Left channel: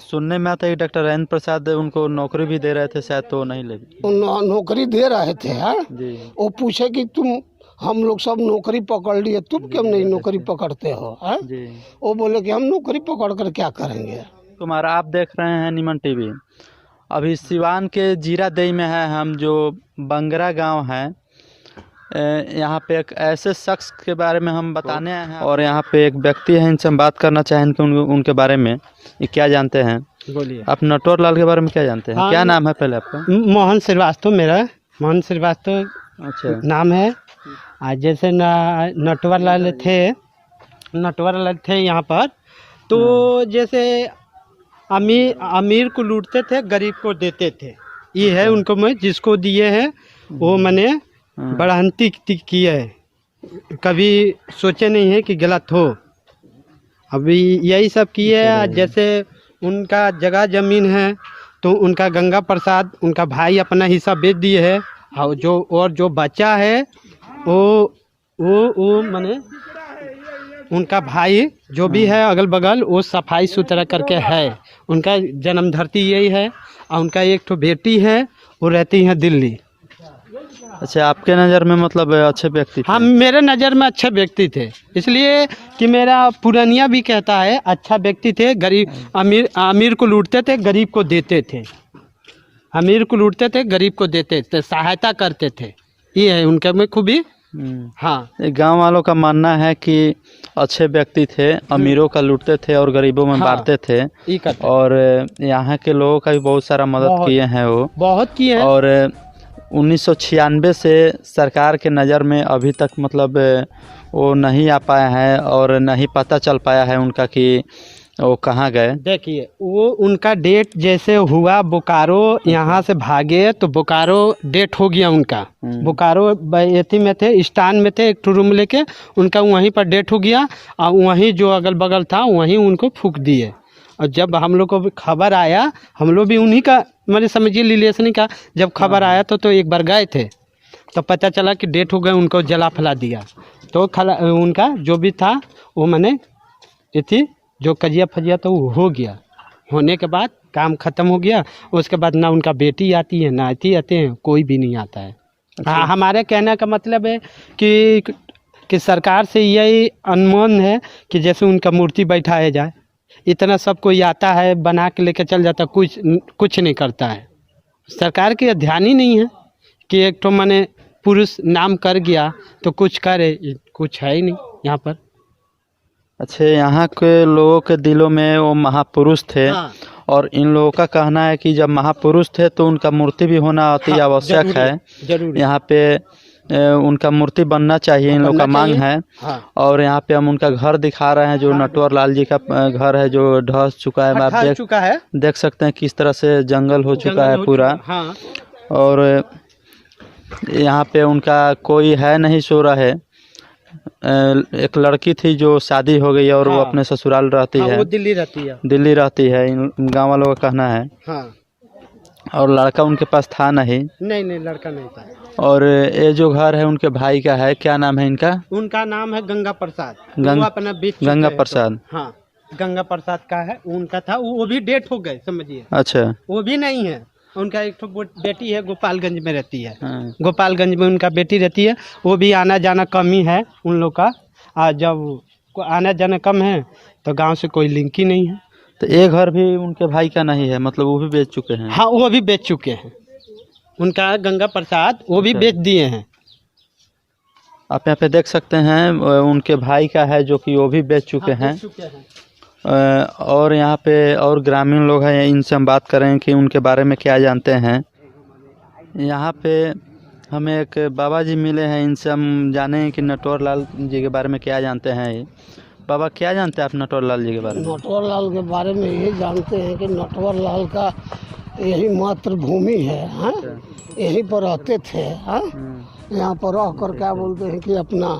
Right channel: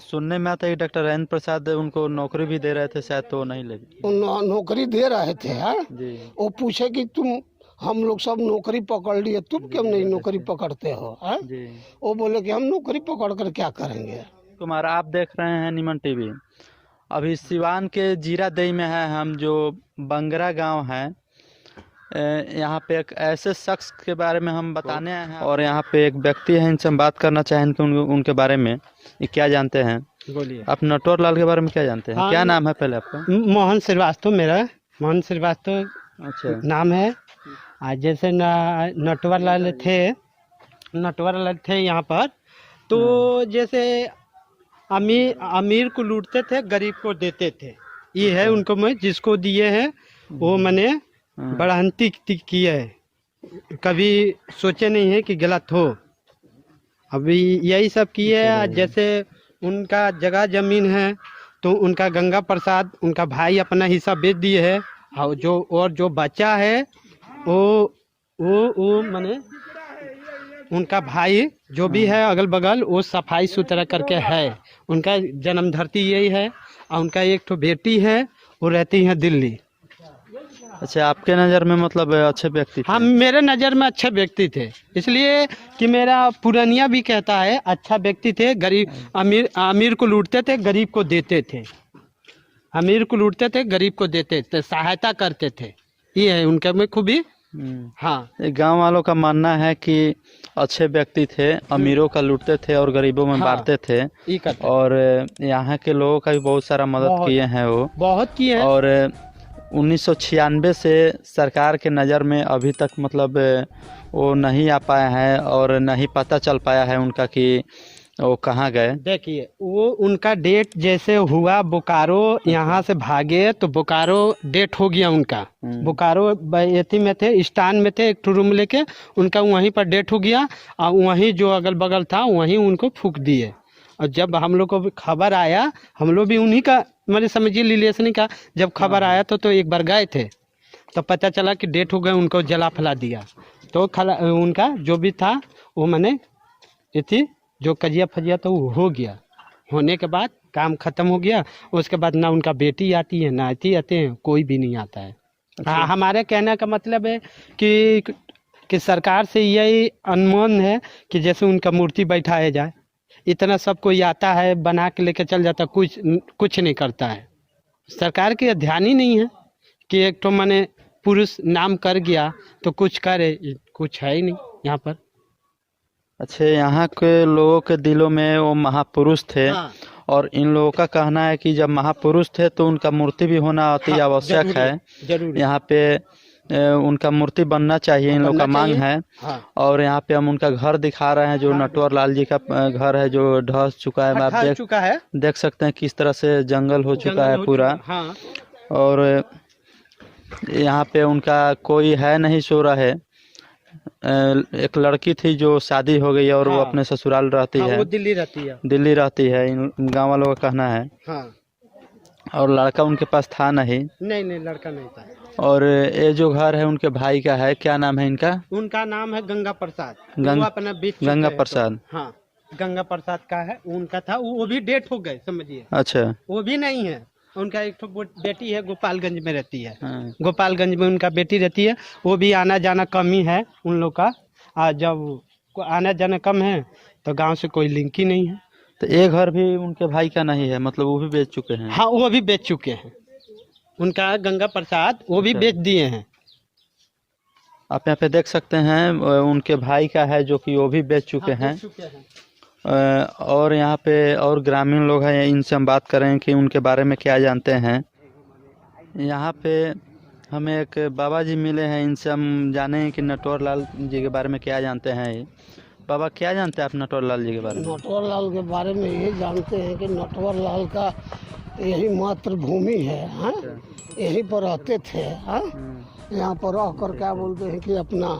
सुनने में आता है कि डॉक्टर राजेंद्र प्रसाद उनको नौकरी भी दे रहे थे शायद, तो नहीं लगी। नौकरी दे रहे थे हाँ। जी। वो पूछे कि तुम, हम लोग सब नौकरी पकड़ लिए, तुम क्यों नहीं नौकरी पकड़ते हो हाँ? जी। वो बोले कि हम नौकरी पकड़ कर क्या करेंगे। तुम्हारा आप देख रहे हैं निमन टीवी। अभी सिवान के जीरादेई में है हम, जो बंगरा गांव है। यहाँ पे एक ऐसे शख्स के बारे में हम बताने आए हैं, और यहाँ पे एक व्यक्ति है, इनसे हम बात करना चाहेंगे उनके बारे में ये क्या जानते हैं। बोलिए। आप नटवर लाल के बारे में क्या जानते हैं? हाँ, क्या नाम है पहले आपका? मोहन श्रीवास्तव, मेरा मोहन श्रीवास्तव अच्छा नाम है। आज जैसे नटवर लाल थे यहाँ पर, तो जैसे अमीर को लूटते थे, गरीब को देते थे। ये है उनको, मैं जिसको दिए हैं वो मैंने बढ़ंती की है, कभी सोचे नहीं है कि गलत हो। अभी यही सब किए है। जैसे उनका जगह जमीन है तो उनका गंगा प्रसाद, उनका भाई अपना हिस्सा बेच दिए है, और जो बचा है वो माने उनका भाई जो भी है अगल बगल, वो सफाई सुथरा करके है। उनका जन्म धरती यही है, और उनका एक तो बेटी है, वो रहती है दिल्ली। अच्छा, आपके नज़र में मतलब अच्छे व्यक्ति थे? हाँ, मेरे नज़र में अच्छे व्यक्ति थे, इसलिए कि मेरा पुरानिया भी कहता है अच्छा व्यक्ति थे। गरीब अमीर को लूटते थे, गरीब को देते थे। अमीर को लूटते थे, गरीब को देते थे, सहायता करते थे। ये है उनके में खूबी। हाँ, गांव वालों का मानना है कि अच्छे व्यक्ति थे, अमीरों का लूटते थे और गरीबों में बांटते थे। और यहाँ के लोगों का भी बहुत सारा मदद किए हैं, वो बहुत किए हैं। और 1996 से सरकार के नज़र में अभी तक मतलब वो नहीं आ पाया है, और नहीं पता चल पाया है उनका कि वो कहाँ गए। देखिए, वो उनका डेट जैसे हुआ, बोकारो यहाँ से भागे तो बोकारो डेट हो गया उनका। बोकारो एथी में थे, स्टैंड में थे, एक रूम लेके, उनका वहीं पर डेट हो गया, और वहीं जो अगल बगल था वहीं उनको फूंक दिए। और जब हम लोग को खबर आया, हम लोग भी उन्हीं का मैंने समझिए रिलेशन का, जब खबर आया तो एक बार गए थे, तो पता चला कि डेट हो गए, उनको जला फैला दिया। तो उनका जो भी था वो मैंने इतनी जो कजिया फजिया तो वो हो गया। होने के बाद काम ख़त्म हो गया। उसके बाद ना उनका बेटी आती है, ना आते हैं, कोई भी नहीं आता है। हाँ, हमारे कहने का मतलब है कि सरकार से यही अनुमान है कि जैसे उनका मूर्ति बैठाया जाए। इतना सब कोई आता है, बना के लेके चल जाता, कुछ नहीं करता है। सरकार के ध्यान ही नहीं है कि एक तो मैंने पुरुष नाम कर गया तो कुछ करे, कुछ है ही नहीं यहाँ पर। अच्छा, यहाँ के लोगों के दिलों में वो महापुरुष थे। हाँ। और इन लोगों का कहना है कि जब महापुरुष थे तो उनका मूर्ति भी होना अति आवश्यक है। यहाँ पे उनका मूर्ति बनना चाहिए, इन लोगों का मांग है। हाँ। और यहाँ पे हम उनका घर दिखा रहे हैं, जो नटवर लाल जी का घर है, जो ढह चुका है। आप देख सकते हैं किस तरह से जंगल हो चुका है पूरा। हाँ। और यहाँ पे उनका कोई है नहीं, सो रहा है। एक लड़की थी जो शादी हो गई और वो अपने ससुराल रहती है। वो दिल्ली रहती है, इन गांव वालों का कहना है। हाँ। और लड़का उनके पास था नहीं, लड़का नहीं था। और ये जो घर है उनके भाई का है। क्या नाम है इनका? उनका नाम है गंगा प्रसाद। गंगा प्रसाद। हाँ, गंगा प्रसाद का है, उनका था। वो भी डेट हो गए, समझिए। अच्छा, वो भी नहीं है। उनका एक तो बेटी है, गोपालगंज में रहती है। हाँ। गोपालगंज में उनका बेटी रहती है। वो भी आना जाना कम ही है उन लोग का। जब आना जाना कम है तो गांव से कोई लिंक ही नहीं है। तो ये घर भी उनके भाई का नहीं है, मतलब वो भी बेच चुके हैं? हाँ, वो भी बेच चुके हैं। उनका गंगा प्रसाद वो भी बेच दिए हैं। आप यहाँ पे देख सकते हैं उनके भाई का है, जो कि वो भी बेच चुके हैं। और यहाँ पे और ग्रामीण लोग हैं, इनसे हम बात करें कि उनके बारे में क्या जानते हैं। यहाँ पे हमें एक बाबा जी मिले हैं, इनसे हम जाने कि नटवर लाल जी के बारे में क्या जानते हैं। बाबा, क्या जानते हैं आप नटवर लाल जी के बारे में? नटवर लाल के बारे में ये जानते हैं कि नटवर लाल का यही मातृभूमि है। हाँ, यहीं पर रहते थे। हाँ, यहाँ पर रहकर क्या बोलते हैं कि अपना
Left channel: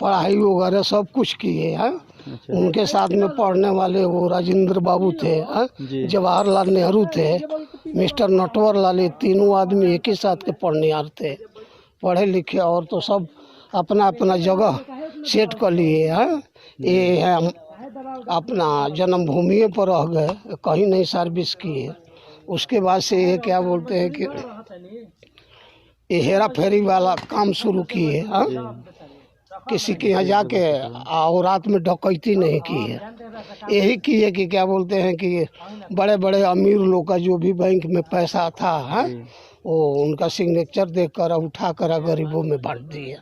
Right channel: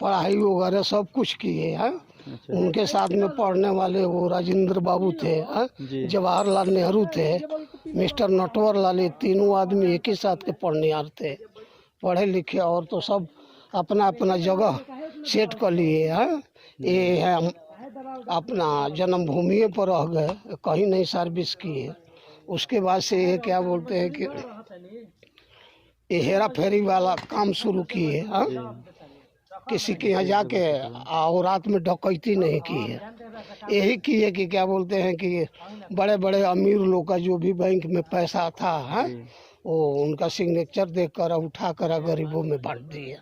पढ़ाई वगैरह सब कुछ किए। हाँ, उनके साथ में पढ़ने वाले वो राजेंद्र बाबू थे, जवाहरलाल नेहरू थे, मिस्टर नटवर लाल, ये तीनों आदमी एक ही साथ के पढ़निहार थे, पढ़े लिखे, और तो सब अपना अपना जगह सेट कर लिए। हाँ, ये है अपना जन्मभूमि पर रह गए, कहीं नहीं सर्विस किए। उसके बाद से ये क्या बोलते हैं कि ये हेरा फेरी वाला काम शुरू किए। हाँ, किसी के यहाँ जाके और रात में डकैती नहीं की है। यही किए कि क्या बोलते हैं कि बड़े बड़े अमीर लोग का जो भी बैंक में पैसा था, हाँ, वो उनका सिग्नेचर देकर उठा कर गरीबों में बांट दिए।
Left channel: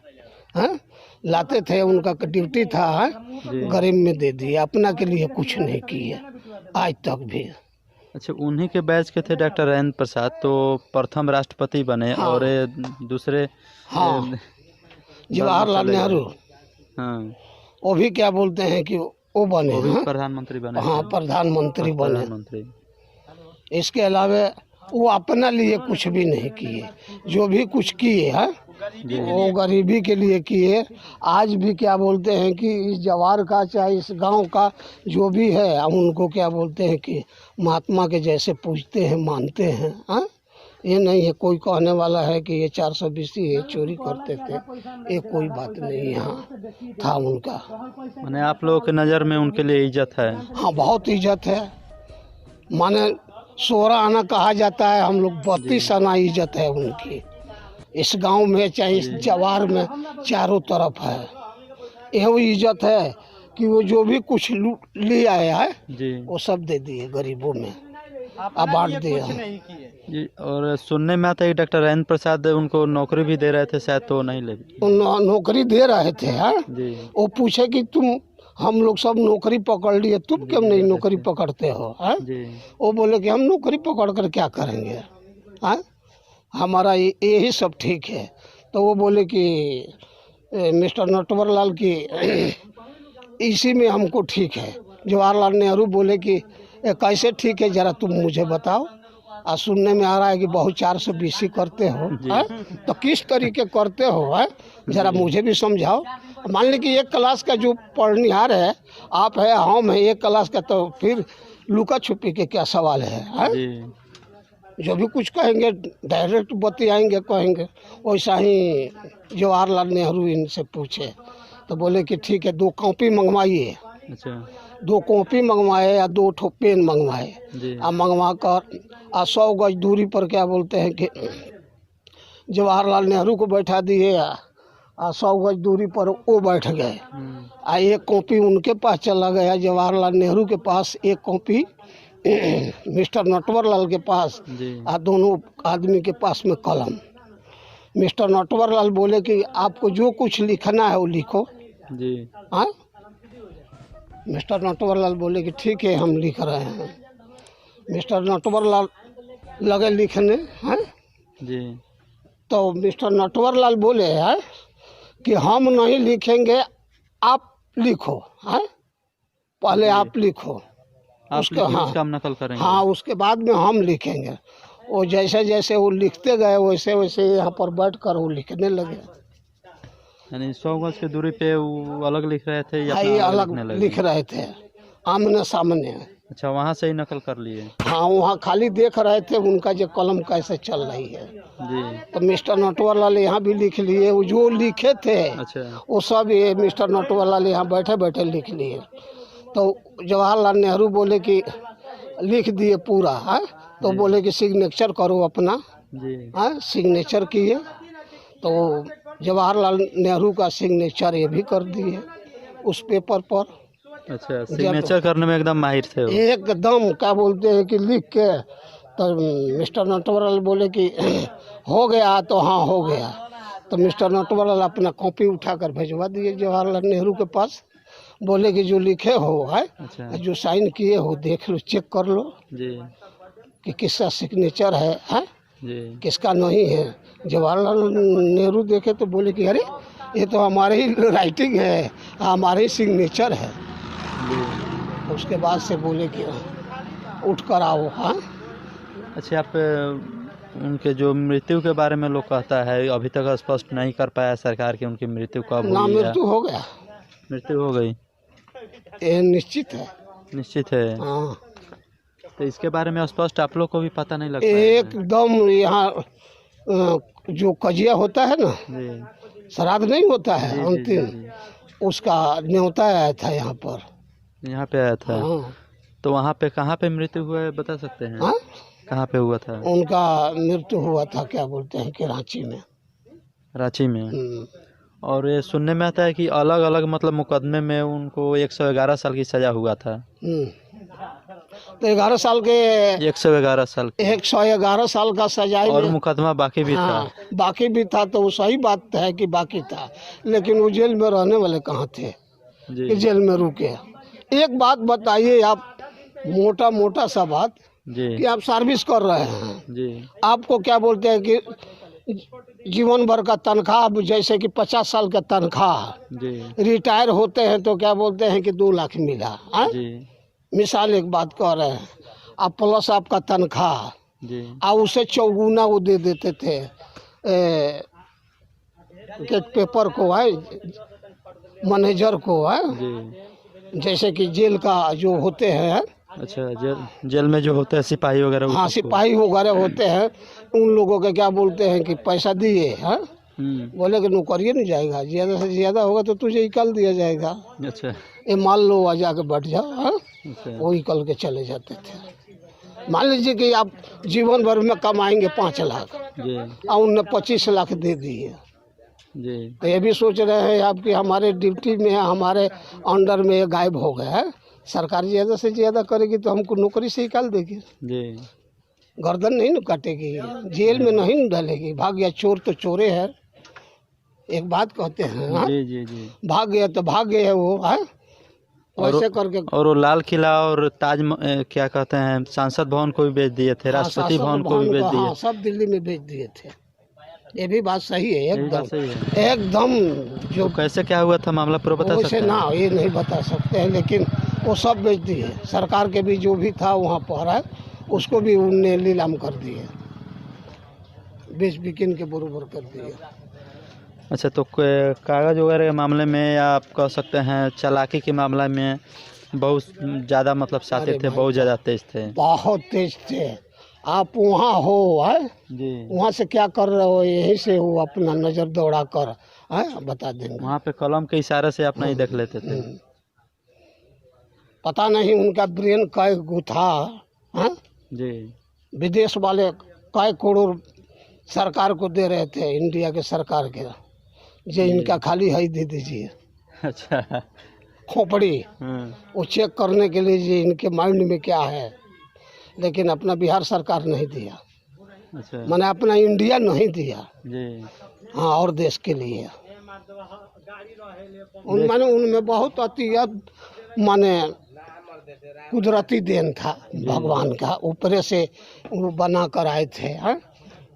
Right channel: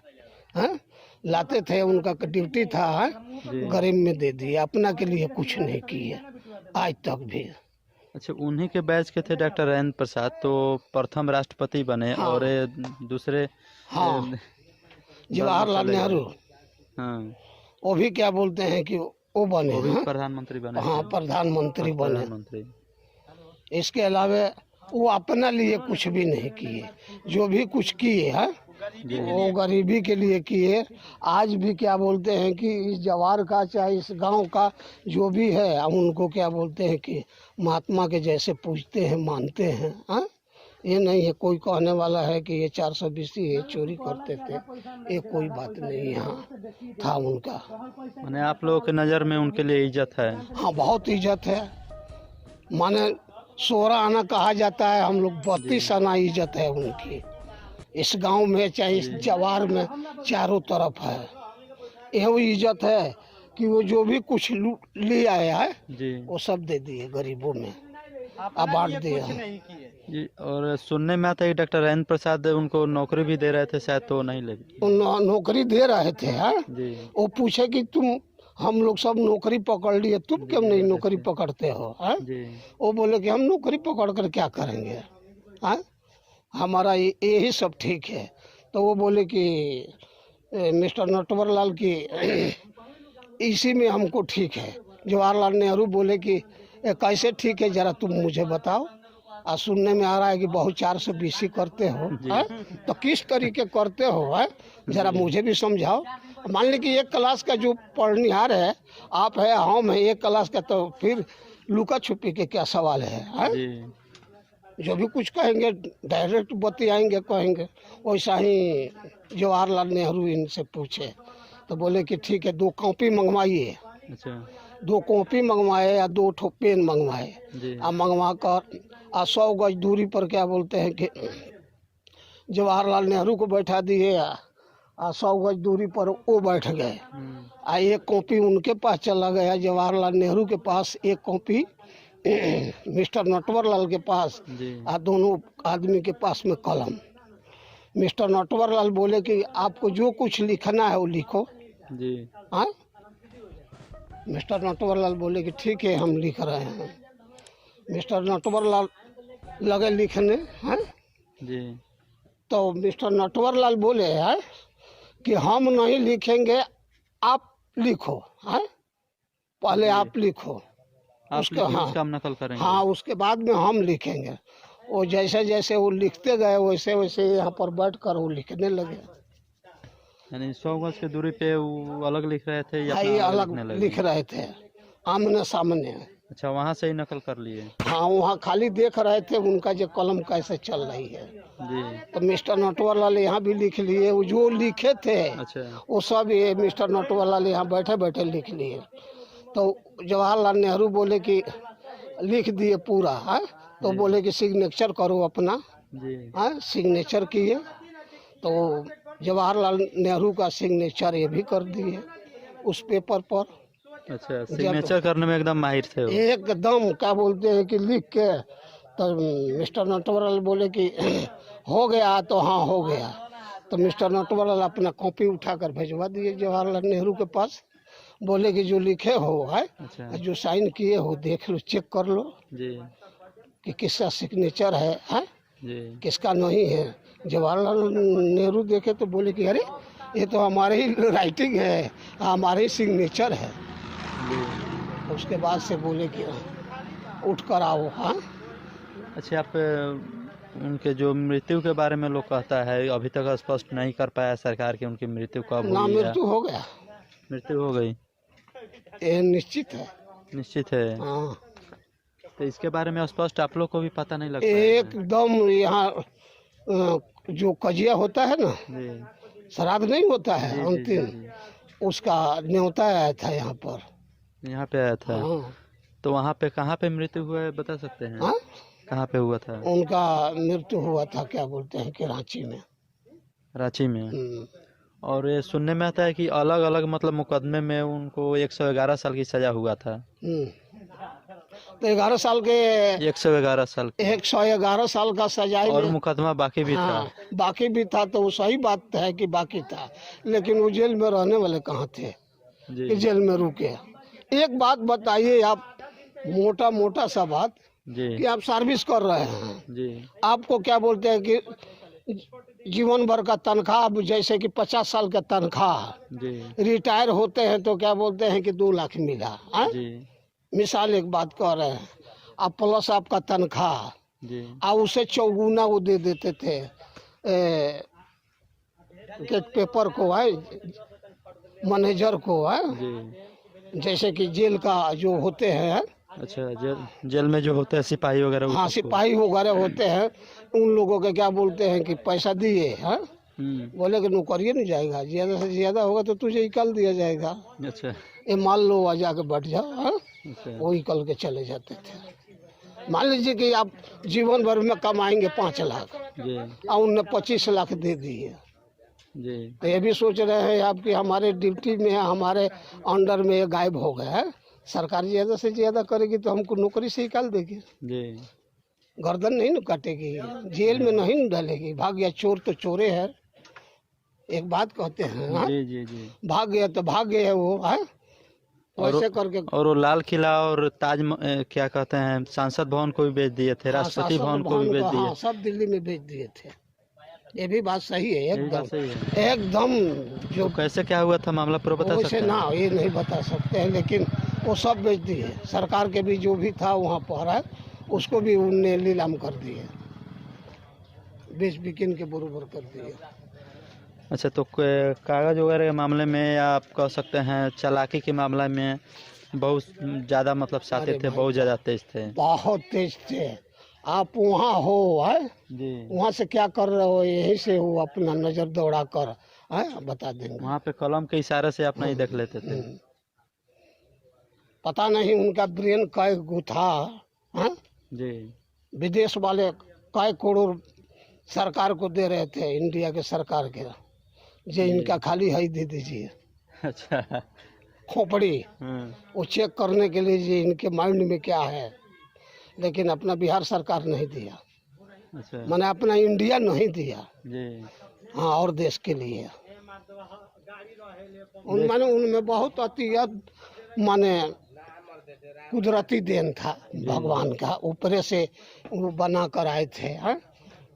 हाँ, लाते थे, उनका ड्यूटी था, हाँ, गरीब में दे दिए, अपना के लिए कुछ नहीं किए आज तक भी। अच्छा, उन्हीं के बैच के थे डॉक्टर राजेंद्र प्रसाद, तो प्रथम राष्ट्रपति बने। हाँ। और ये दूसरे हाँ, जवाहरलाल नेहरू, हाँ, वो भी क्या बोलते हैं कि वो बने, वो भी हाँ, प्रधानमंत्री बने। हाँ, प्रधानमंत्री बने। प्रधानमंत्री। इसके अलावा वो अपना लिए कुछ भी नहीं किए। जो भी कुछ किए हैं वो गरीबी के लिए किए। आज भी क्या बोलते हैं कि इस जवार का चाहे इस गांव का जो भी है, हम उनको क्या बोलते हैं कि महात्मा के जैसे पूजते हैं, मानते हैं। हाँ, ये नहीं है कोई कहने वाला है कि ये 420 ये चोरी करते थे, ये कोई बात नहीं यहाँ था उनका। माने आप लोगों की नज़र में उनके लिए इज्जत है? हाँ, बहुत इज्जत है। माने 16 आना कहा जाता है, हम लोग 32 आना इज्जत है उनकी। इस गांव में चाहे इस जवार में चारों तरफ है। यह इज्जत है कि वो जो भी कुछ ले आया है जी, वो सब दे दिए गरीबों में, अब बांट दिया जी। और सुनने में आता है कि डॉक्टर राजेंद्र प्रसाद उनको नौकरी भी दे रहे थे, शायद तो नहीं लगी। नौकरी दे रहे थे। हाँ, जी, वो पूछे कि तुम, हम लोग सब नौकरी पकड़ लिए, तुम क्यों नहीं नौकरी पकड़ते हो? हाँ, जी, वो बोले कि हम नौकरी पकड़ कर क्या करेंगे? हाँ, हमारा यही सब ठीक है। तो वो बोले कि मिस्टर नटवरलाल की इसी में हमको ठीक है। जवाहरलाल नेहरू बोले कि कैसे ठीक है, जरा तुम मुझे बताओ। और सुनने में आ रहा है कि बहुत 420 करते हो। हाँ, तो किस तरीके करते हो? हाँ, जरा मुझे भी समझाओ। मान ली कि एक क्लास का जो पढ़निहार है, आप है, हम है, एक क्लास का, तो फिर लुका छुपी के क्या सवाल है? हाँ? जी, जो भी कुछ कहेंगे डायरेक्ट बतियाएंगे, कहेंगे। वैसा ही जवाहरलाल नेहरू इनसे पूछे तो बोले कि ठीक है, 2 कॉपी मंगवाइए। अच्छा, 2 कॉपी मंगवाए या 2 ठो पेन मंगवाए। जी, और मंगवा कर 100 गज दूरी पर क्या बोलते हैं कि जवाहरलाल नेहरू को बैठा दिए, और 100 गज दूरी पर वो बैठ गए। और एक कॉपी उनके पास चला गया, जवाहरलाल नेहरू के पास एक कॉपी मिस्टर नटवरलाल के पास, जी, और दोनों आदमी के पास में कलम। मिस्टर नटवरलाल बोले कि आपको जो कुछ लिखना है वो लिखो। जी, हाँ, मिस्टर नटवरलाल बोले कि ठीक है, हम लिख रहे हैं। मिस्टर नटवरलाल लगे लिखने। हाँ, जी, तो मिस्टर नटवरलाल बोले हैं कि हम नहीं लिखेंगे, आप लिखो। हाँ, पहले आप लिखो, आप उसका, लिखिए, हाँ, उसका हम नकल करेंगे। हाँ, उसके बाद में हम लिखेंगे। वो जैसे जैसे वो लिखते गए वैसे वैसे यहाँ पर बैठ कर वो लिखने लगे। यानी 100 गज की दूरी पे वो अलग लिख रहे थे या हाँ, अपना ये अलग लिखने लगे? लिख रहे थे, आमने सामने। अच्छा, वहाँ से ही नकल कर लिए? हाँ, वहाँ खाली देख रहे थे उनका जो कलम कैसे चल रही है। जी, तो मिस्टर नटवरलाल यहाँ भी लिख लिए, वो जो लिखे थे अच्छा, वो सब ये मिस्टर नटवरलाल यहाँ बैठे बैठे लिख लिए। तो जवाहरलाल नेहरू बोले कि लिख दिए पूरा। हाँ, तो बोले कि सिग्नेचर करो अपना। जी, हाँ, सिग्नेचर किए तो जवाहरलाल नेहरू का सिग्नेचर ये भी कर दिए उस पेपर पर। अच्छा, सिग्नेचर करने में एकदम माहिर थे वो। एकदम क्या बोलते हैं कि लिख के, तो मिस्टर नटवरलाल बोले कि हो गया, तो हाँ हो गया। तो मिस्टर नटवरलाल अपना कॉपी उठाकर भिजवा दिए जवाहरलाल नेहरू के पास। बोले कि जो लिखे हो है, अच्छा, जो साइन किए हो, देख लो, चेक कर लो जी, कि किसका सिग्नेचर है, जी, किसका नहीं है। जवाहरलाल नेहरू देखे तो बोले कि अरे ये तो हमारे ही राइटिंग है, हमारे ही सिग्नेचर है। जी। उसके बाद से बोले कि उठ कर आओ। हाँ, अच्छा, आप उनके जो मृत्यु के बारे में लोग कहता है, अभी तक स्पष्ट नहीं कर पाया सरकार की उनकी मृत्यु कब ना हुई है? मृत्यु हो गया, मृत्यु हो गई, ये निश्चित है। निश्चित है। हाँ, तो इसके बारे में स्पष्ट आप लोग को भी पता नहीं लगता है? एकदम यहाँ जो कजिया होता है ना, जी, श्राद्ध नहीं होता है जी, जी, अंतिम, जी, उसका न्योता आया था यहाँ पर। यहाँ पे आया था। हाँ तो वहाँ पे कहाँ पे मृत्यु हुआ है बता सकते हैं? हाँ, कहाँ पे हुआ था? उनका मृत्यु हुआ था क्या बोलते हैं कि रांची में। रांची में। और ये सुनने में आता है कि अलग अलग मतलब मुकदमे में उनको 111 साल की सजा हुआ था। तो 11 साल के 111 साल की 111 साल का सजाए और में- मुकदमा बाकी भी हाँ, था। बाकी भी था। तो वो सही बात है कि बाकी था, लेकिन वो जेल में रहने वाले कहाँ थे जी कि जेल में रुके। एक बात बताइए आप, मोटा मोटा सा बात, जी कि आप सर्विस कर रहे हैं, जी आपको क्या बोलते हैं कि जीवन भर का तनख्वाह, जैसे कि 50 साल का तनख्वाह, जी रिटायर होते हैं तो क्या बोलते हैं कि 2 लाख मिला। हाँ? जी मिसाल एक बात कह रहे हैं, अब प्लस आपका तनख्वाह, जी और उसे चौगुना वो दे देते थे के पेपर को है, मैनेजर को है, जी। जैसे कि जेल का जो होते हैं, अच्छा, जेल में जो होते हैं सिपाही वगैरह वो हाँ सबको? सिपाही वगैरह होते हैं, उन लोगों के क्या बोलते हैं कि पैसा दिए हैं, बोले कि नौकरी नहीं जाएगा, ज़्यादा से ज़्यादा होगा तो तुझे निकाल दिया जाएगा, अच्छा ये मान लो आ जाके बैठ जाओ। हाँ? अच्छा वो निकल के चले जाते थे। मान लीजिए कि आप जीवन भर में कमाएंगे 5 लाख जी और उनने 25 लाख दे दिए, जी तो ये भी सोच रहे हैं आप कि हमारे ड्यूटी में है, हमारे अंडर में ये गायब हो गए हैं, सरकार ज़्यादा से ज़्यादा करेगी तो हमको नौकरी से निकाल देगी, जी गर्दन नहीं न काटेगी, जेल में नहीं न डालेगी। भाग गया चोर तो चोरे है, एक बात कहते हैं। हाँ? जी जी जी। भाग गया तो भाग गया वो है, वैसे करके। और वो लाल किला और क्या कहते हैं संसद भवन को भी बेच दिए थे, हाँ, राष्ट्रपति शासन भवन को भी बेच हाँ, दिए। सब दिल्ली में भेज दिए थे। ये भी बात सही है, यही बात एकदम सही है। एकदम। जो तो कैसे क्या हुआ था मामला पूरा बता वैसे सकते ना हैं? ये नहीं बता सकते हैं, लेकिन वो सब बेच दिए। सरकार के भी जो भी था वहाँ पर है, उसको भी उनने नीलाम कर दिए, बेच बिकिन के बरोबर कर दिए। अच्छा, तो कागज वगैरह के मामले में या आप कह सकते हैं चालाकी के मामले में बहुत ज़्यादा मतलब साथी अरे थे, भाई बहुत ज़्यादा तेज थे। बहुत तेज थे। आप वहाँ हो है, जी। वहाँ से क्या कर रहे हो, यहीं से वो अपना नज़र दौड़ा कर है बता देंगे। वहाँ पे कलम के इशारे से अपना ही देख लेते थे। पता नहीं उनका ब्रेन कै गो था। हाँ? जी विदेश वाले कै करोड़ सरकार को दे रहे थे, इंडिया के सरकार के, जो इनका खाली है दे दीजिए अच्छा। खोपड़ी, वो चेक करने के लिए जो इनके माइंड में क्या है, लेकिन अपना बिहार सरकार नहीं दिया, अच्छा मैंने अपना इंडिया नहीं दिया। जी हाँ, और देश के लिए माने उनमें बहुत अतियत माने कुदरती देन था भगवान का, ऊपरे से वो बना कर आए थे। हाँ?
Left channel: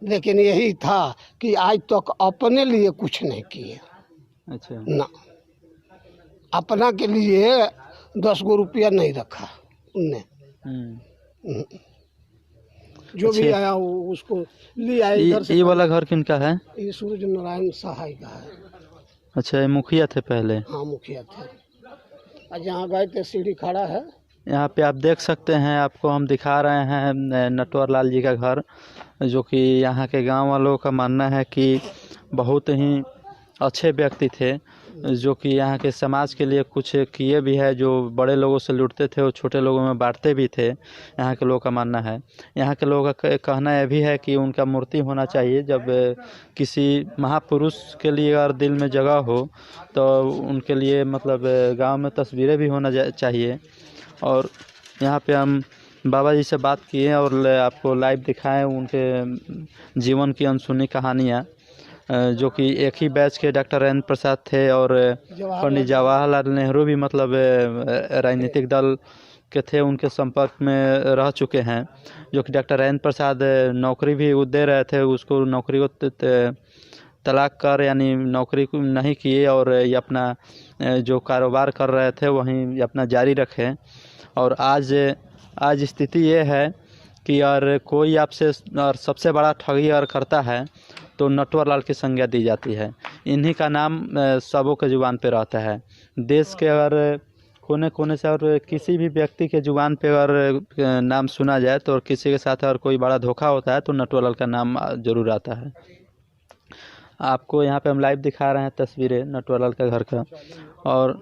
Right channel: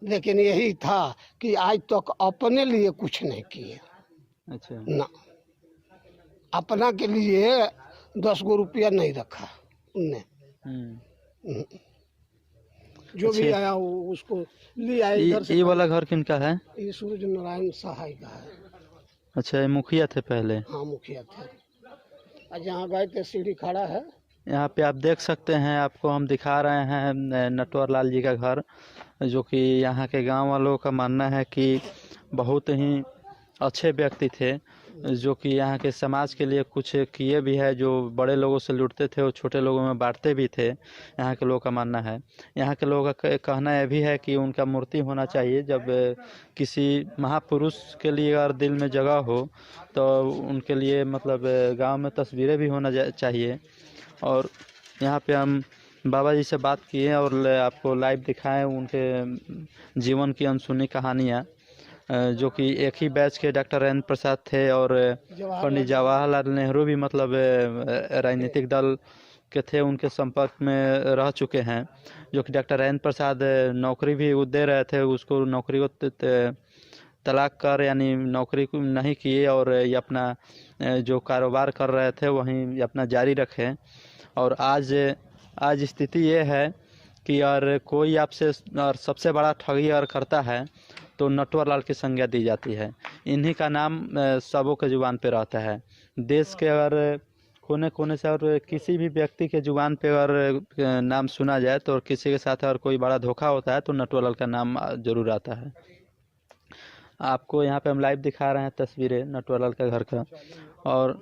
लेकिन यही था कि आज तक अपने लिए कुछ नहीं किए अच्छा ना, अपना के लिए 10 गो रुपया नहीं रखा उनने। जो भी अच्छा। आया वो उसको ले आए इधर से। ये वाला घर किनका है? ये सूर्य नारायण सहाय का है। अच्छा, ये मुखिया थे पहले? हाँ, मुखिया थे। और जहाँ गए थे सीढ़ी खड़ा है, यहाँ पे आप देख सकते हैं, आपको हम दिखा रहे हैं नटवर लाल जी का घर, जो कि यहाँ के गांव वालों का मानना है कि बहुत ही अच्छे व्यक्ति थे, जो कि यहाँ के समाज के लिए कुछ किए भी है। जो बड़े लोगों से लूटते थे वो छोटे लोगों में बांटते भी थे, यहाँ के लोगों का मानना है। यहाँ के लोगों का कहना यह भी है कि उनका मूर्ति होना चाहिए। जब किसी महापुरुष के लिए अगर दिल में जगह हो तो उनके लिए मतलब गांव में तस्वीरें भी होना चाहिए। और यहाँ पे हम बाबा जी से बात किए और आपको लाइव दिखाएं उनके जीवन की अनसुनी कहानियाँ, जो कि एक ही बैच के डॉक्टर राजेंद्र प्रसाद थे और पंडित जवाहरलाल नेहरू भी मतलब राजनीतिक दल के थे, उनके संपर्क में रह चुके हैं। जो कि डॉक्टर राजेंद्र प्रसाद नौकरी भी दे रहे थे, उसको नौकरी को तलाक कर यानी नौकरी को नहीं किए और ये अपना जो कारोबार कर रहे थे वहीं अपना जारी रखे। और आज स्थिति ये है कि यार कोई आपसे और सबसे बड़ा ठगी अगर करता है तो नटवर लाल की संज्ञा दी जाती है। इन्हीं का नाम सबों के जुबान पे रहता है। देश के अगर कोने कोने से और किसी भी व्यक्ति के जुबान पे अगर नाम सुना जाए तो और किसी के साथ अगर कोई बड़ा धोखा होता है तो नटवर लाल का नाम जरूर आता है। आपको यहाँ पे हम लाइव दिखा रहे हैं तस्वीरें नटवर लाल के घर का। और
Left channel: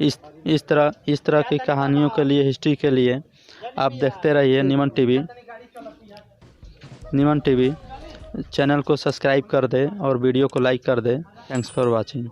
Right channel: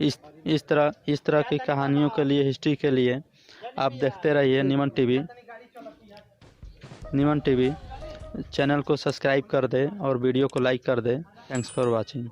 इस तरह की कहानियों के लिए, हिस्ट्री के लिए आप देखते रहिए निमन टीवी। चैनल को सब्सक्राइब कर दे और वीडियो को लाइक कर दे। Thanks for watching.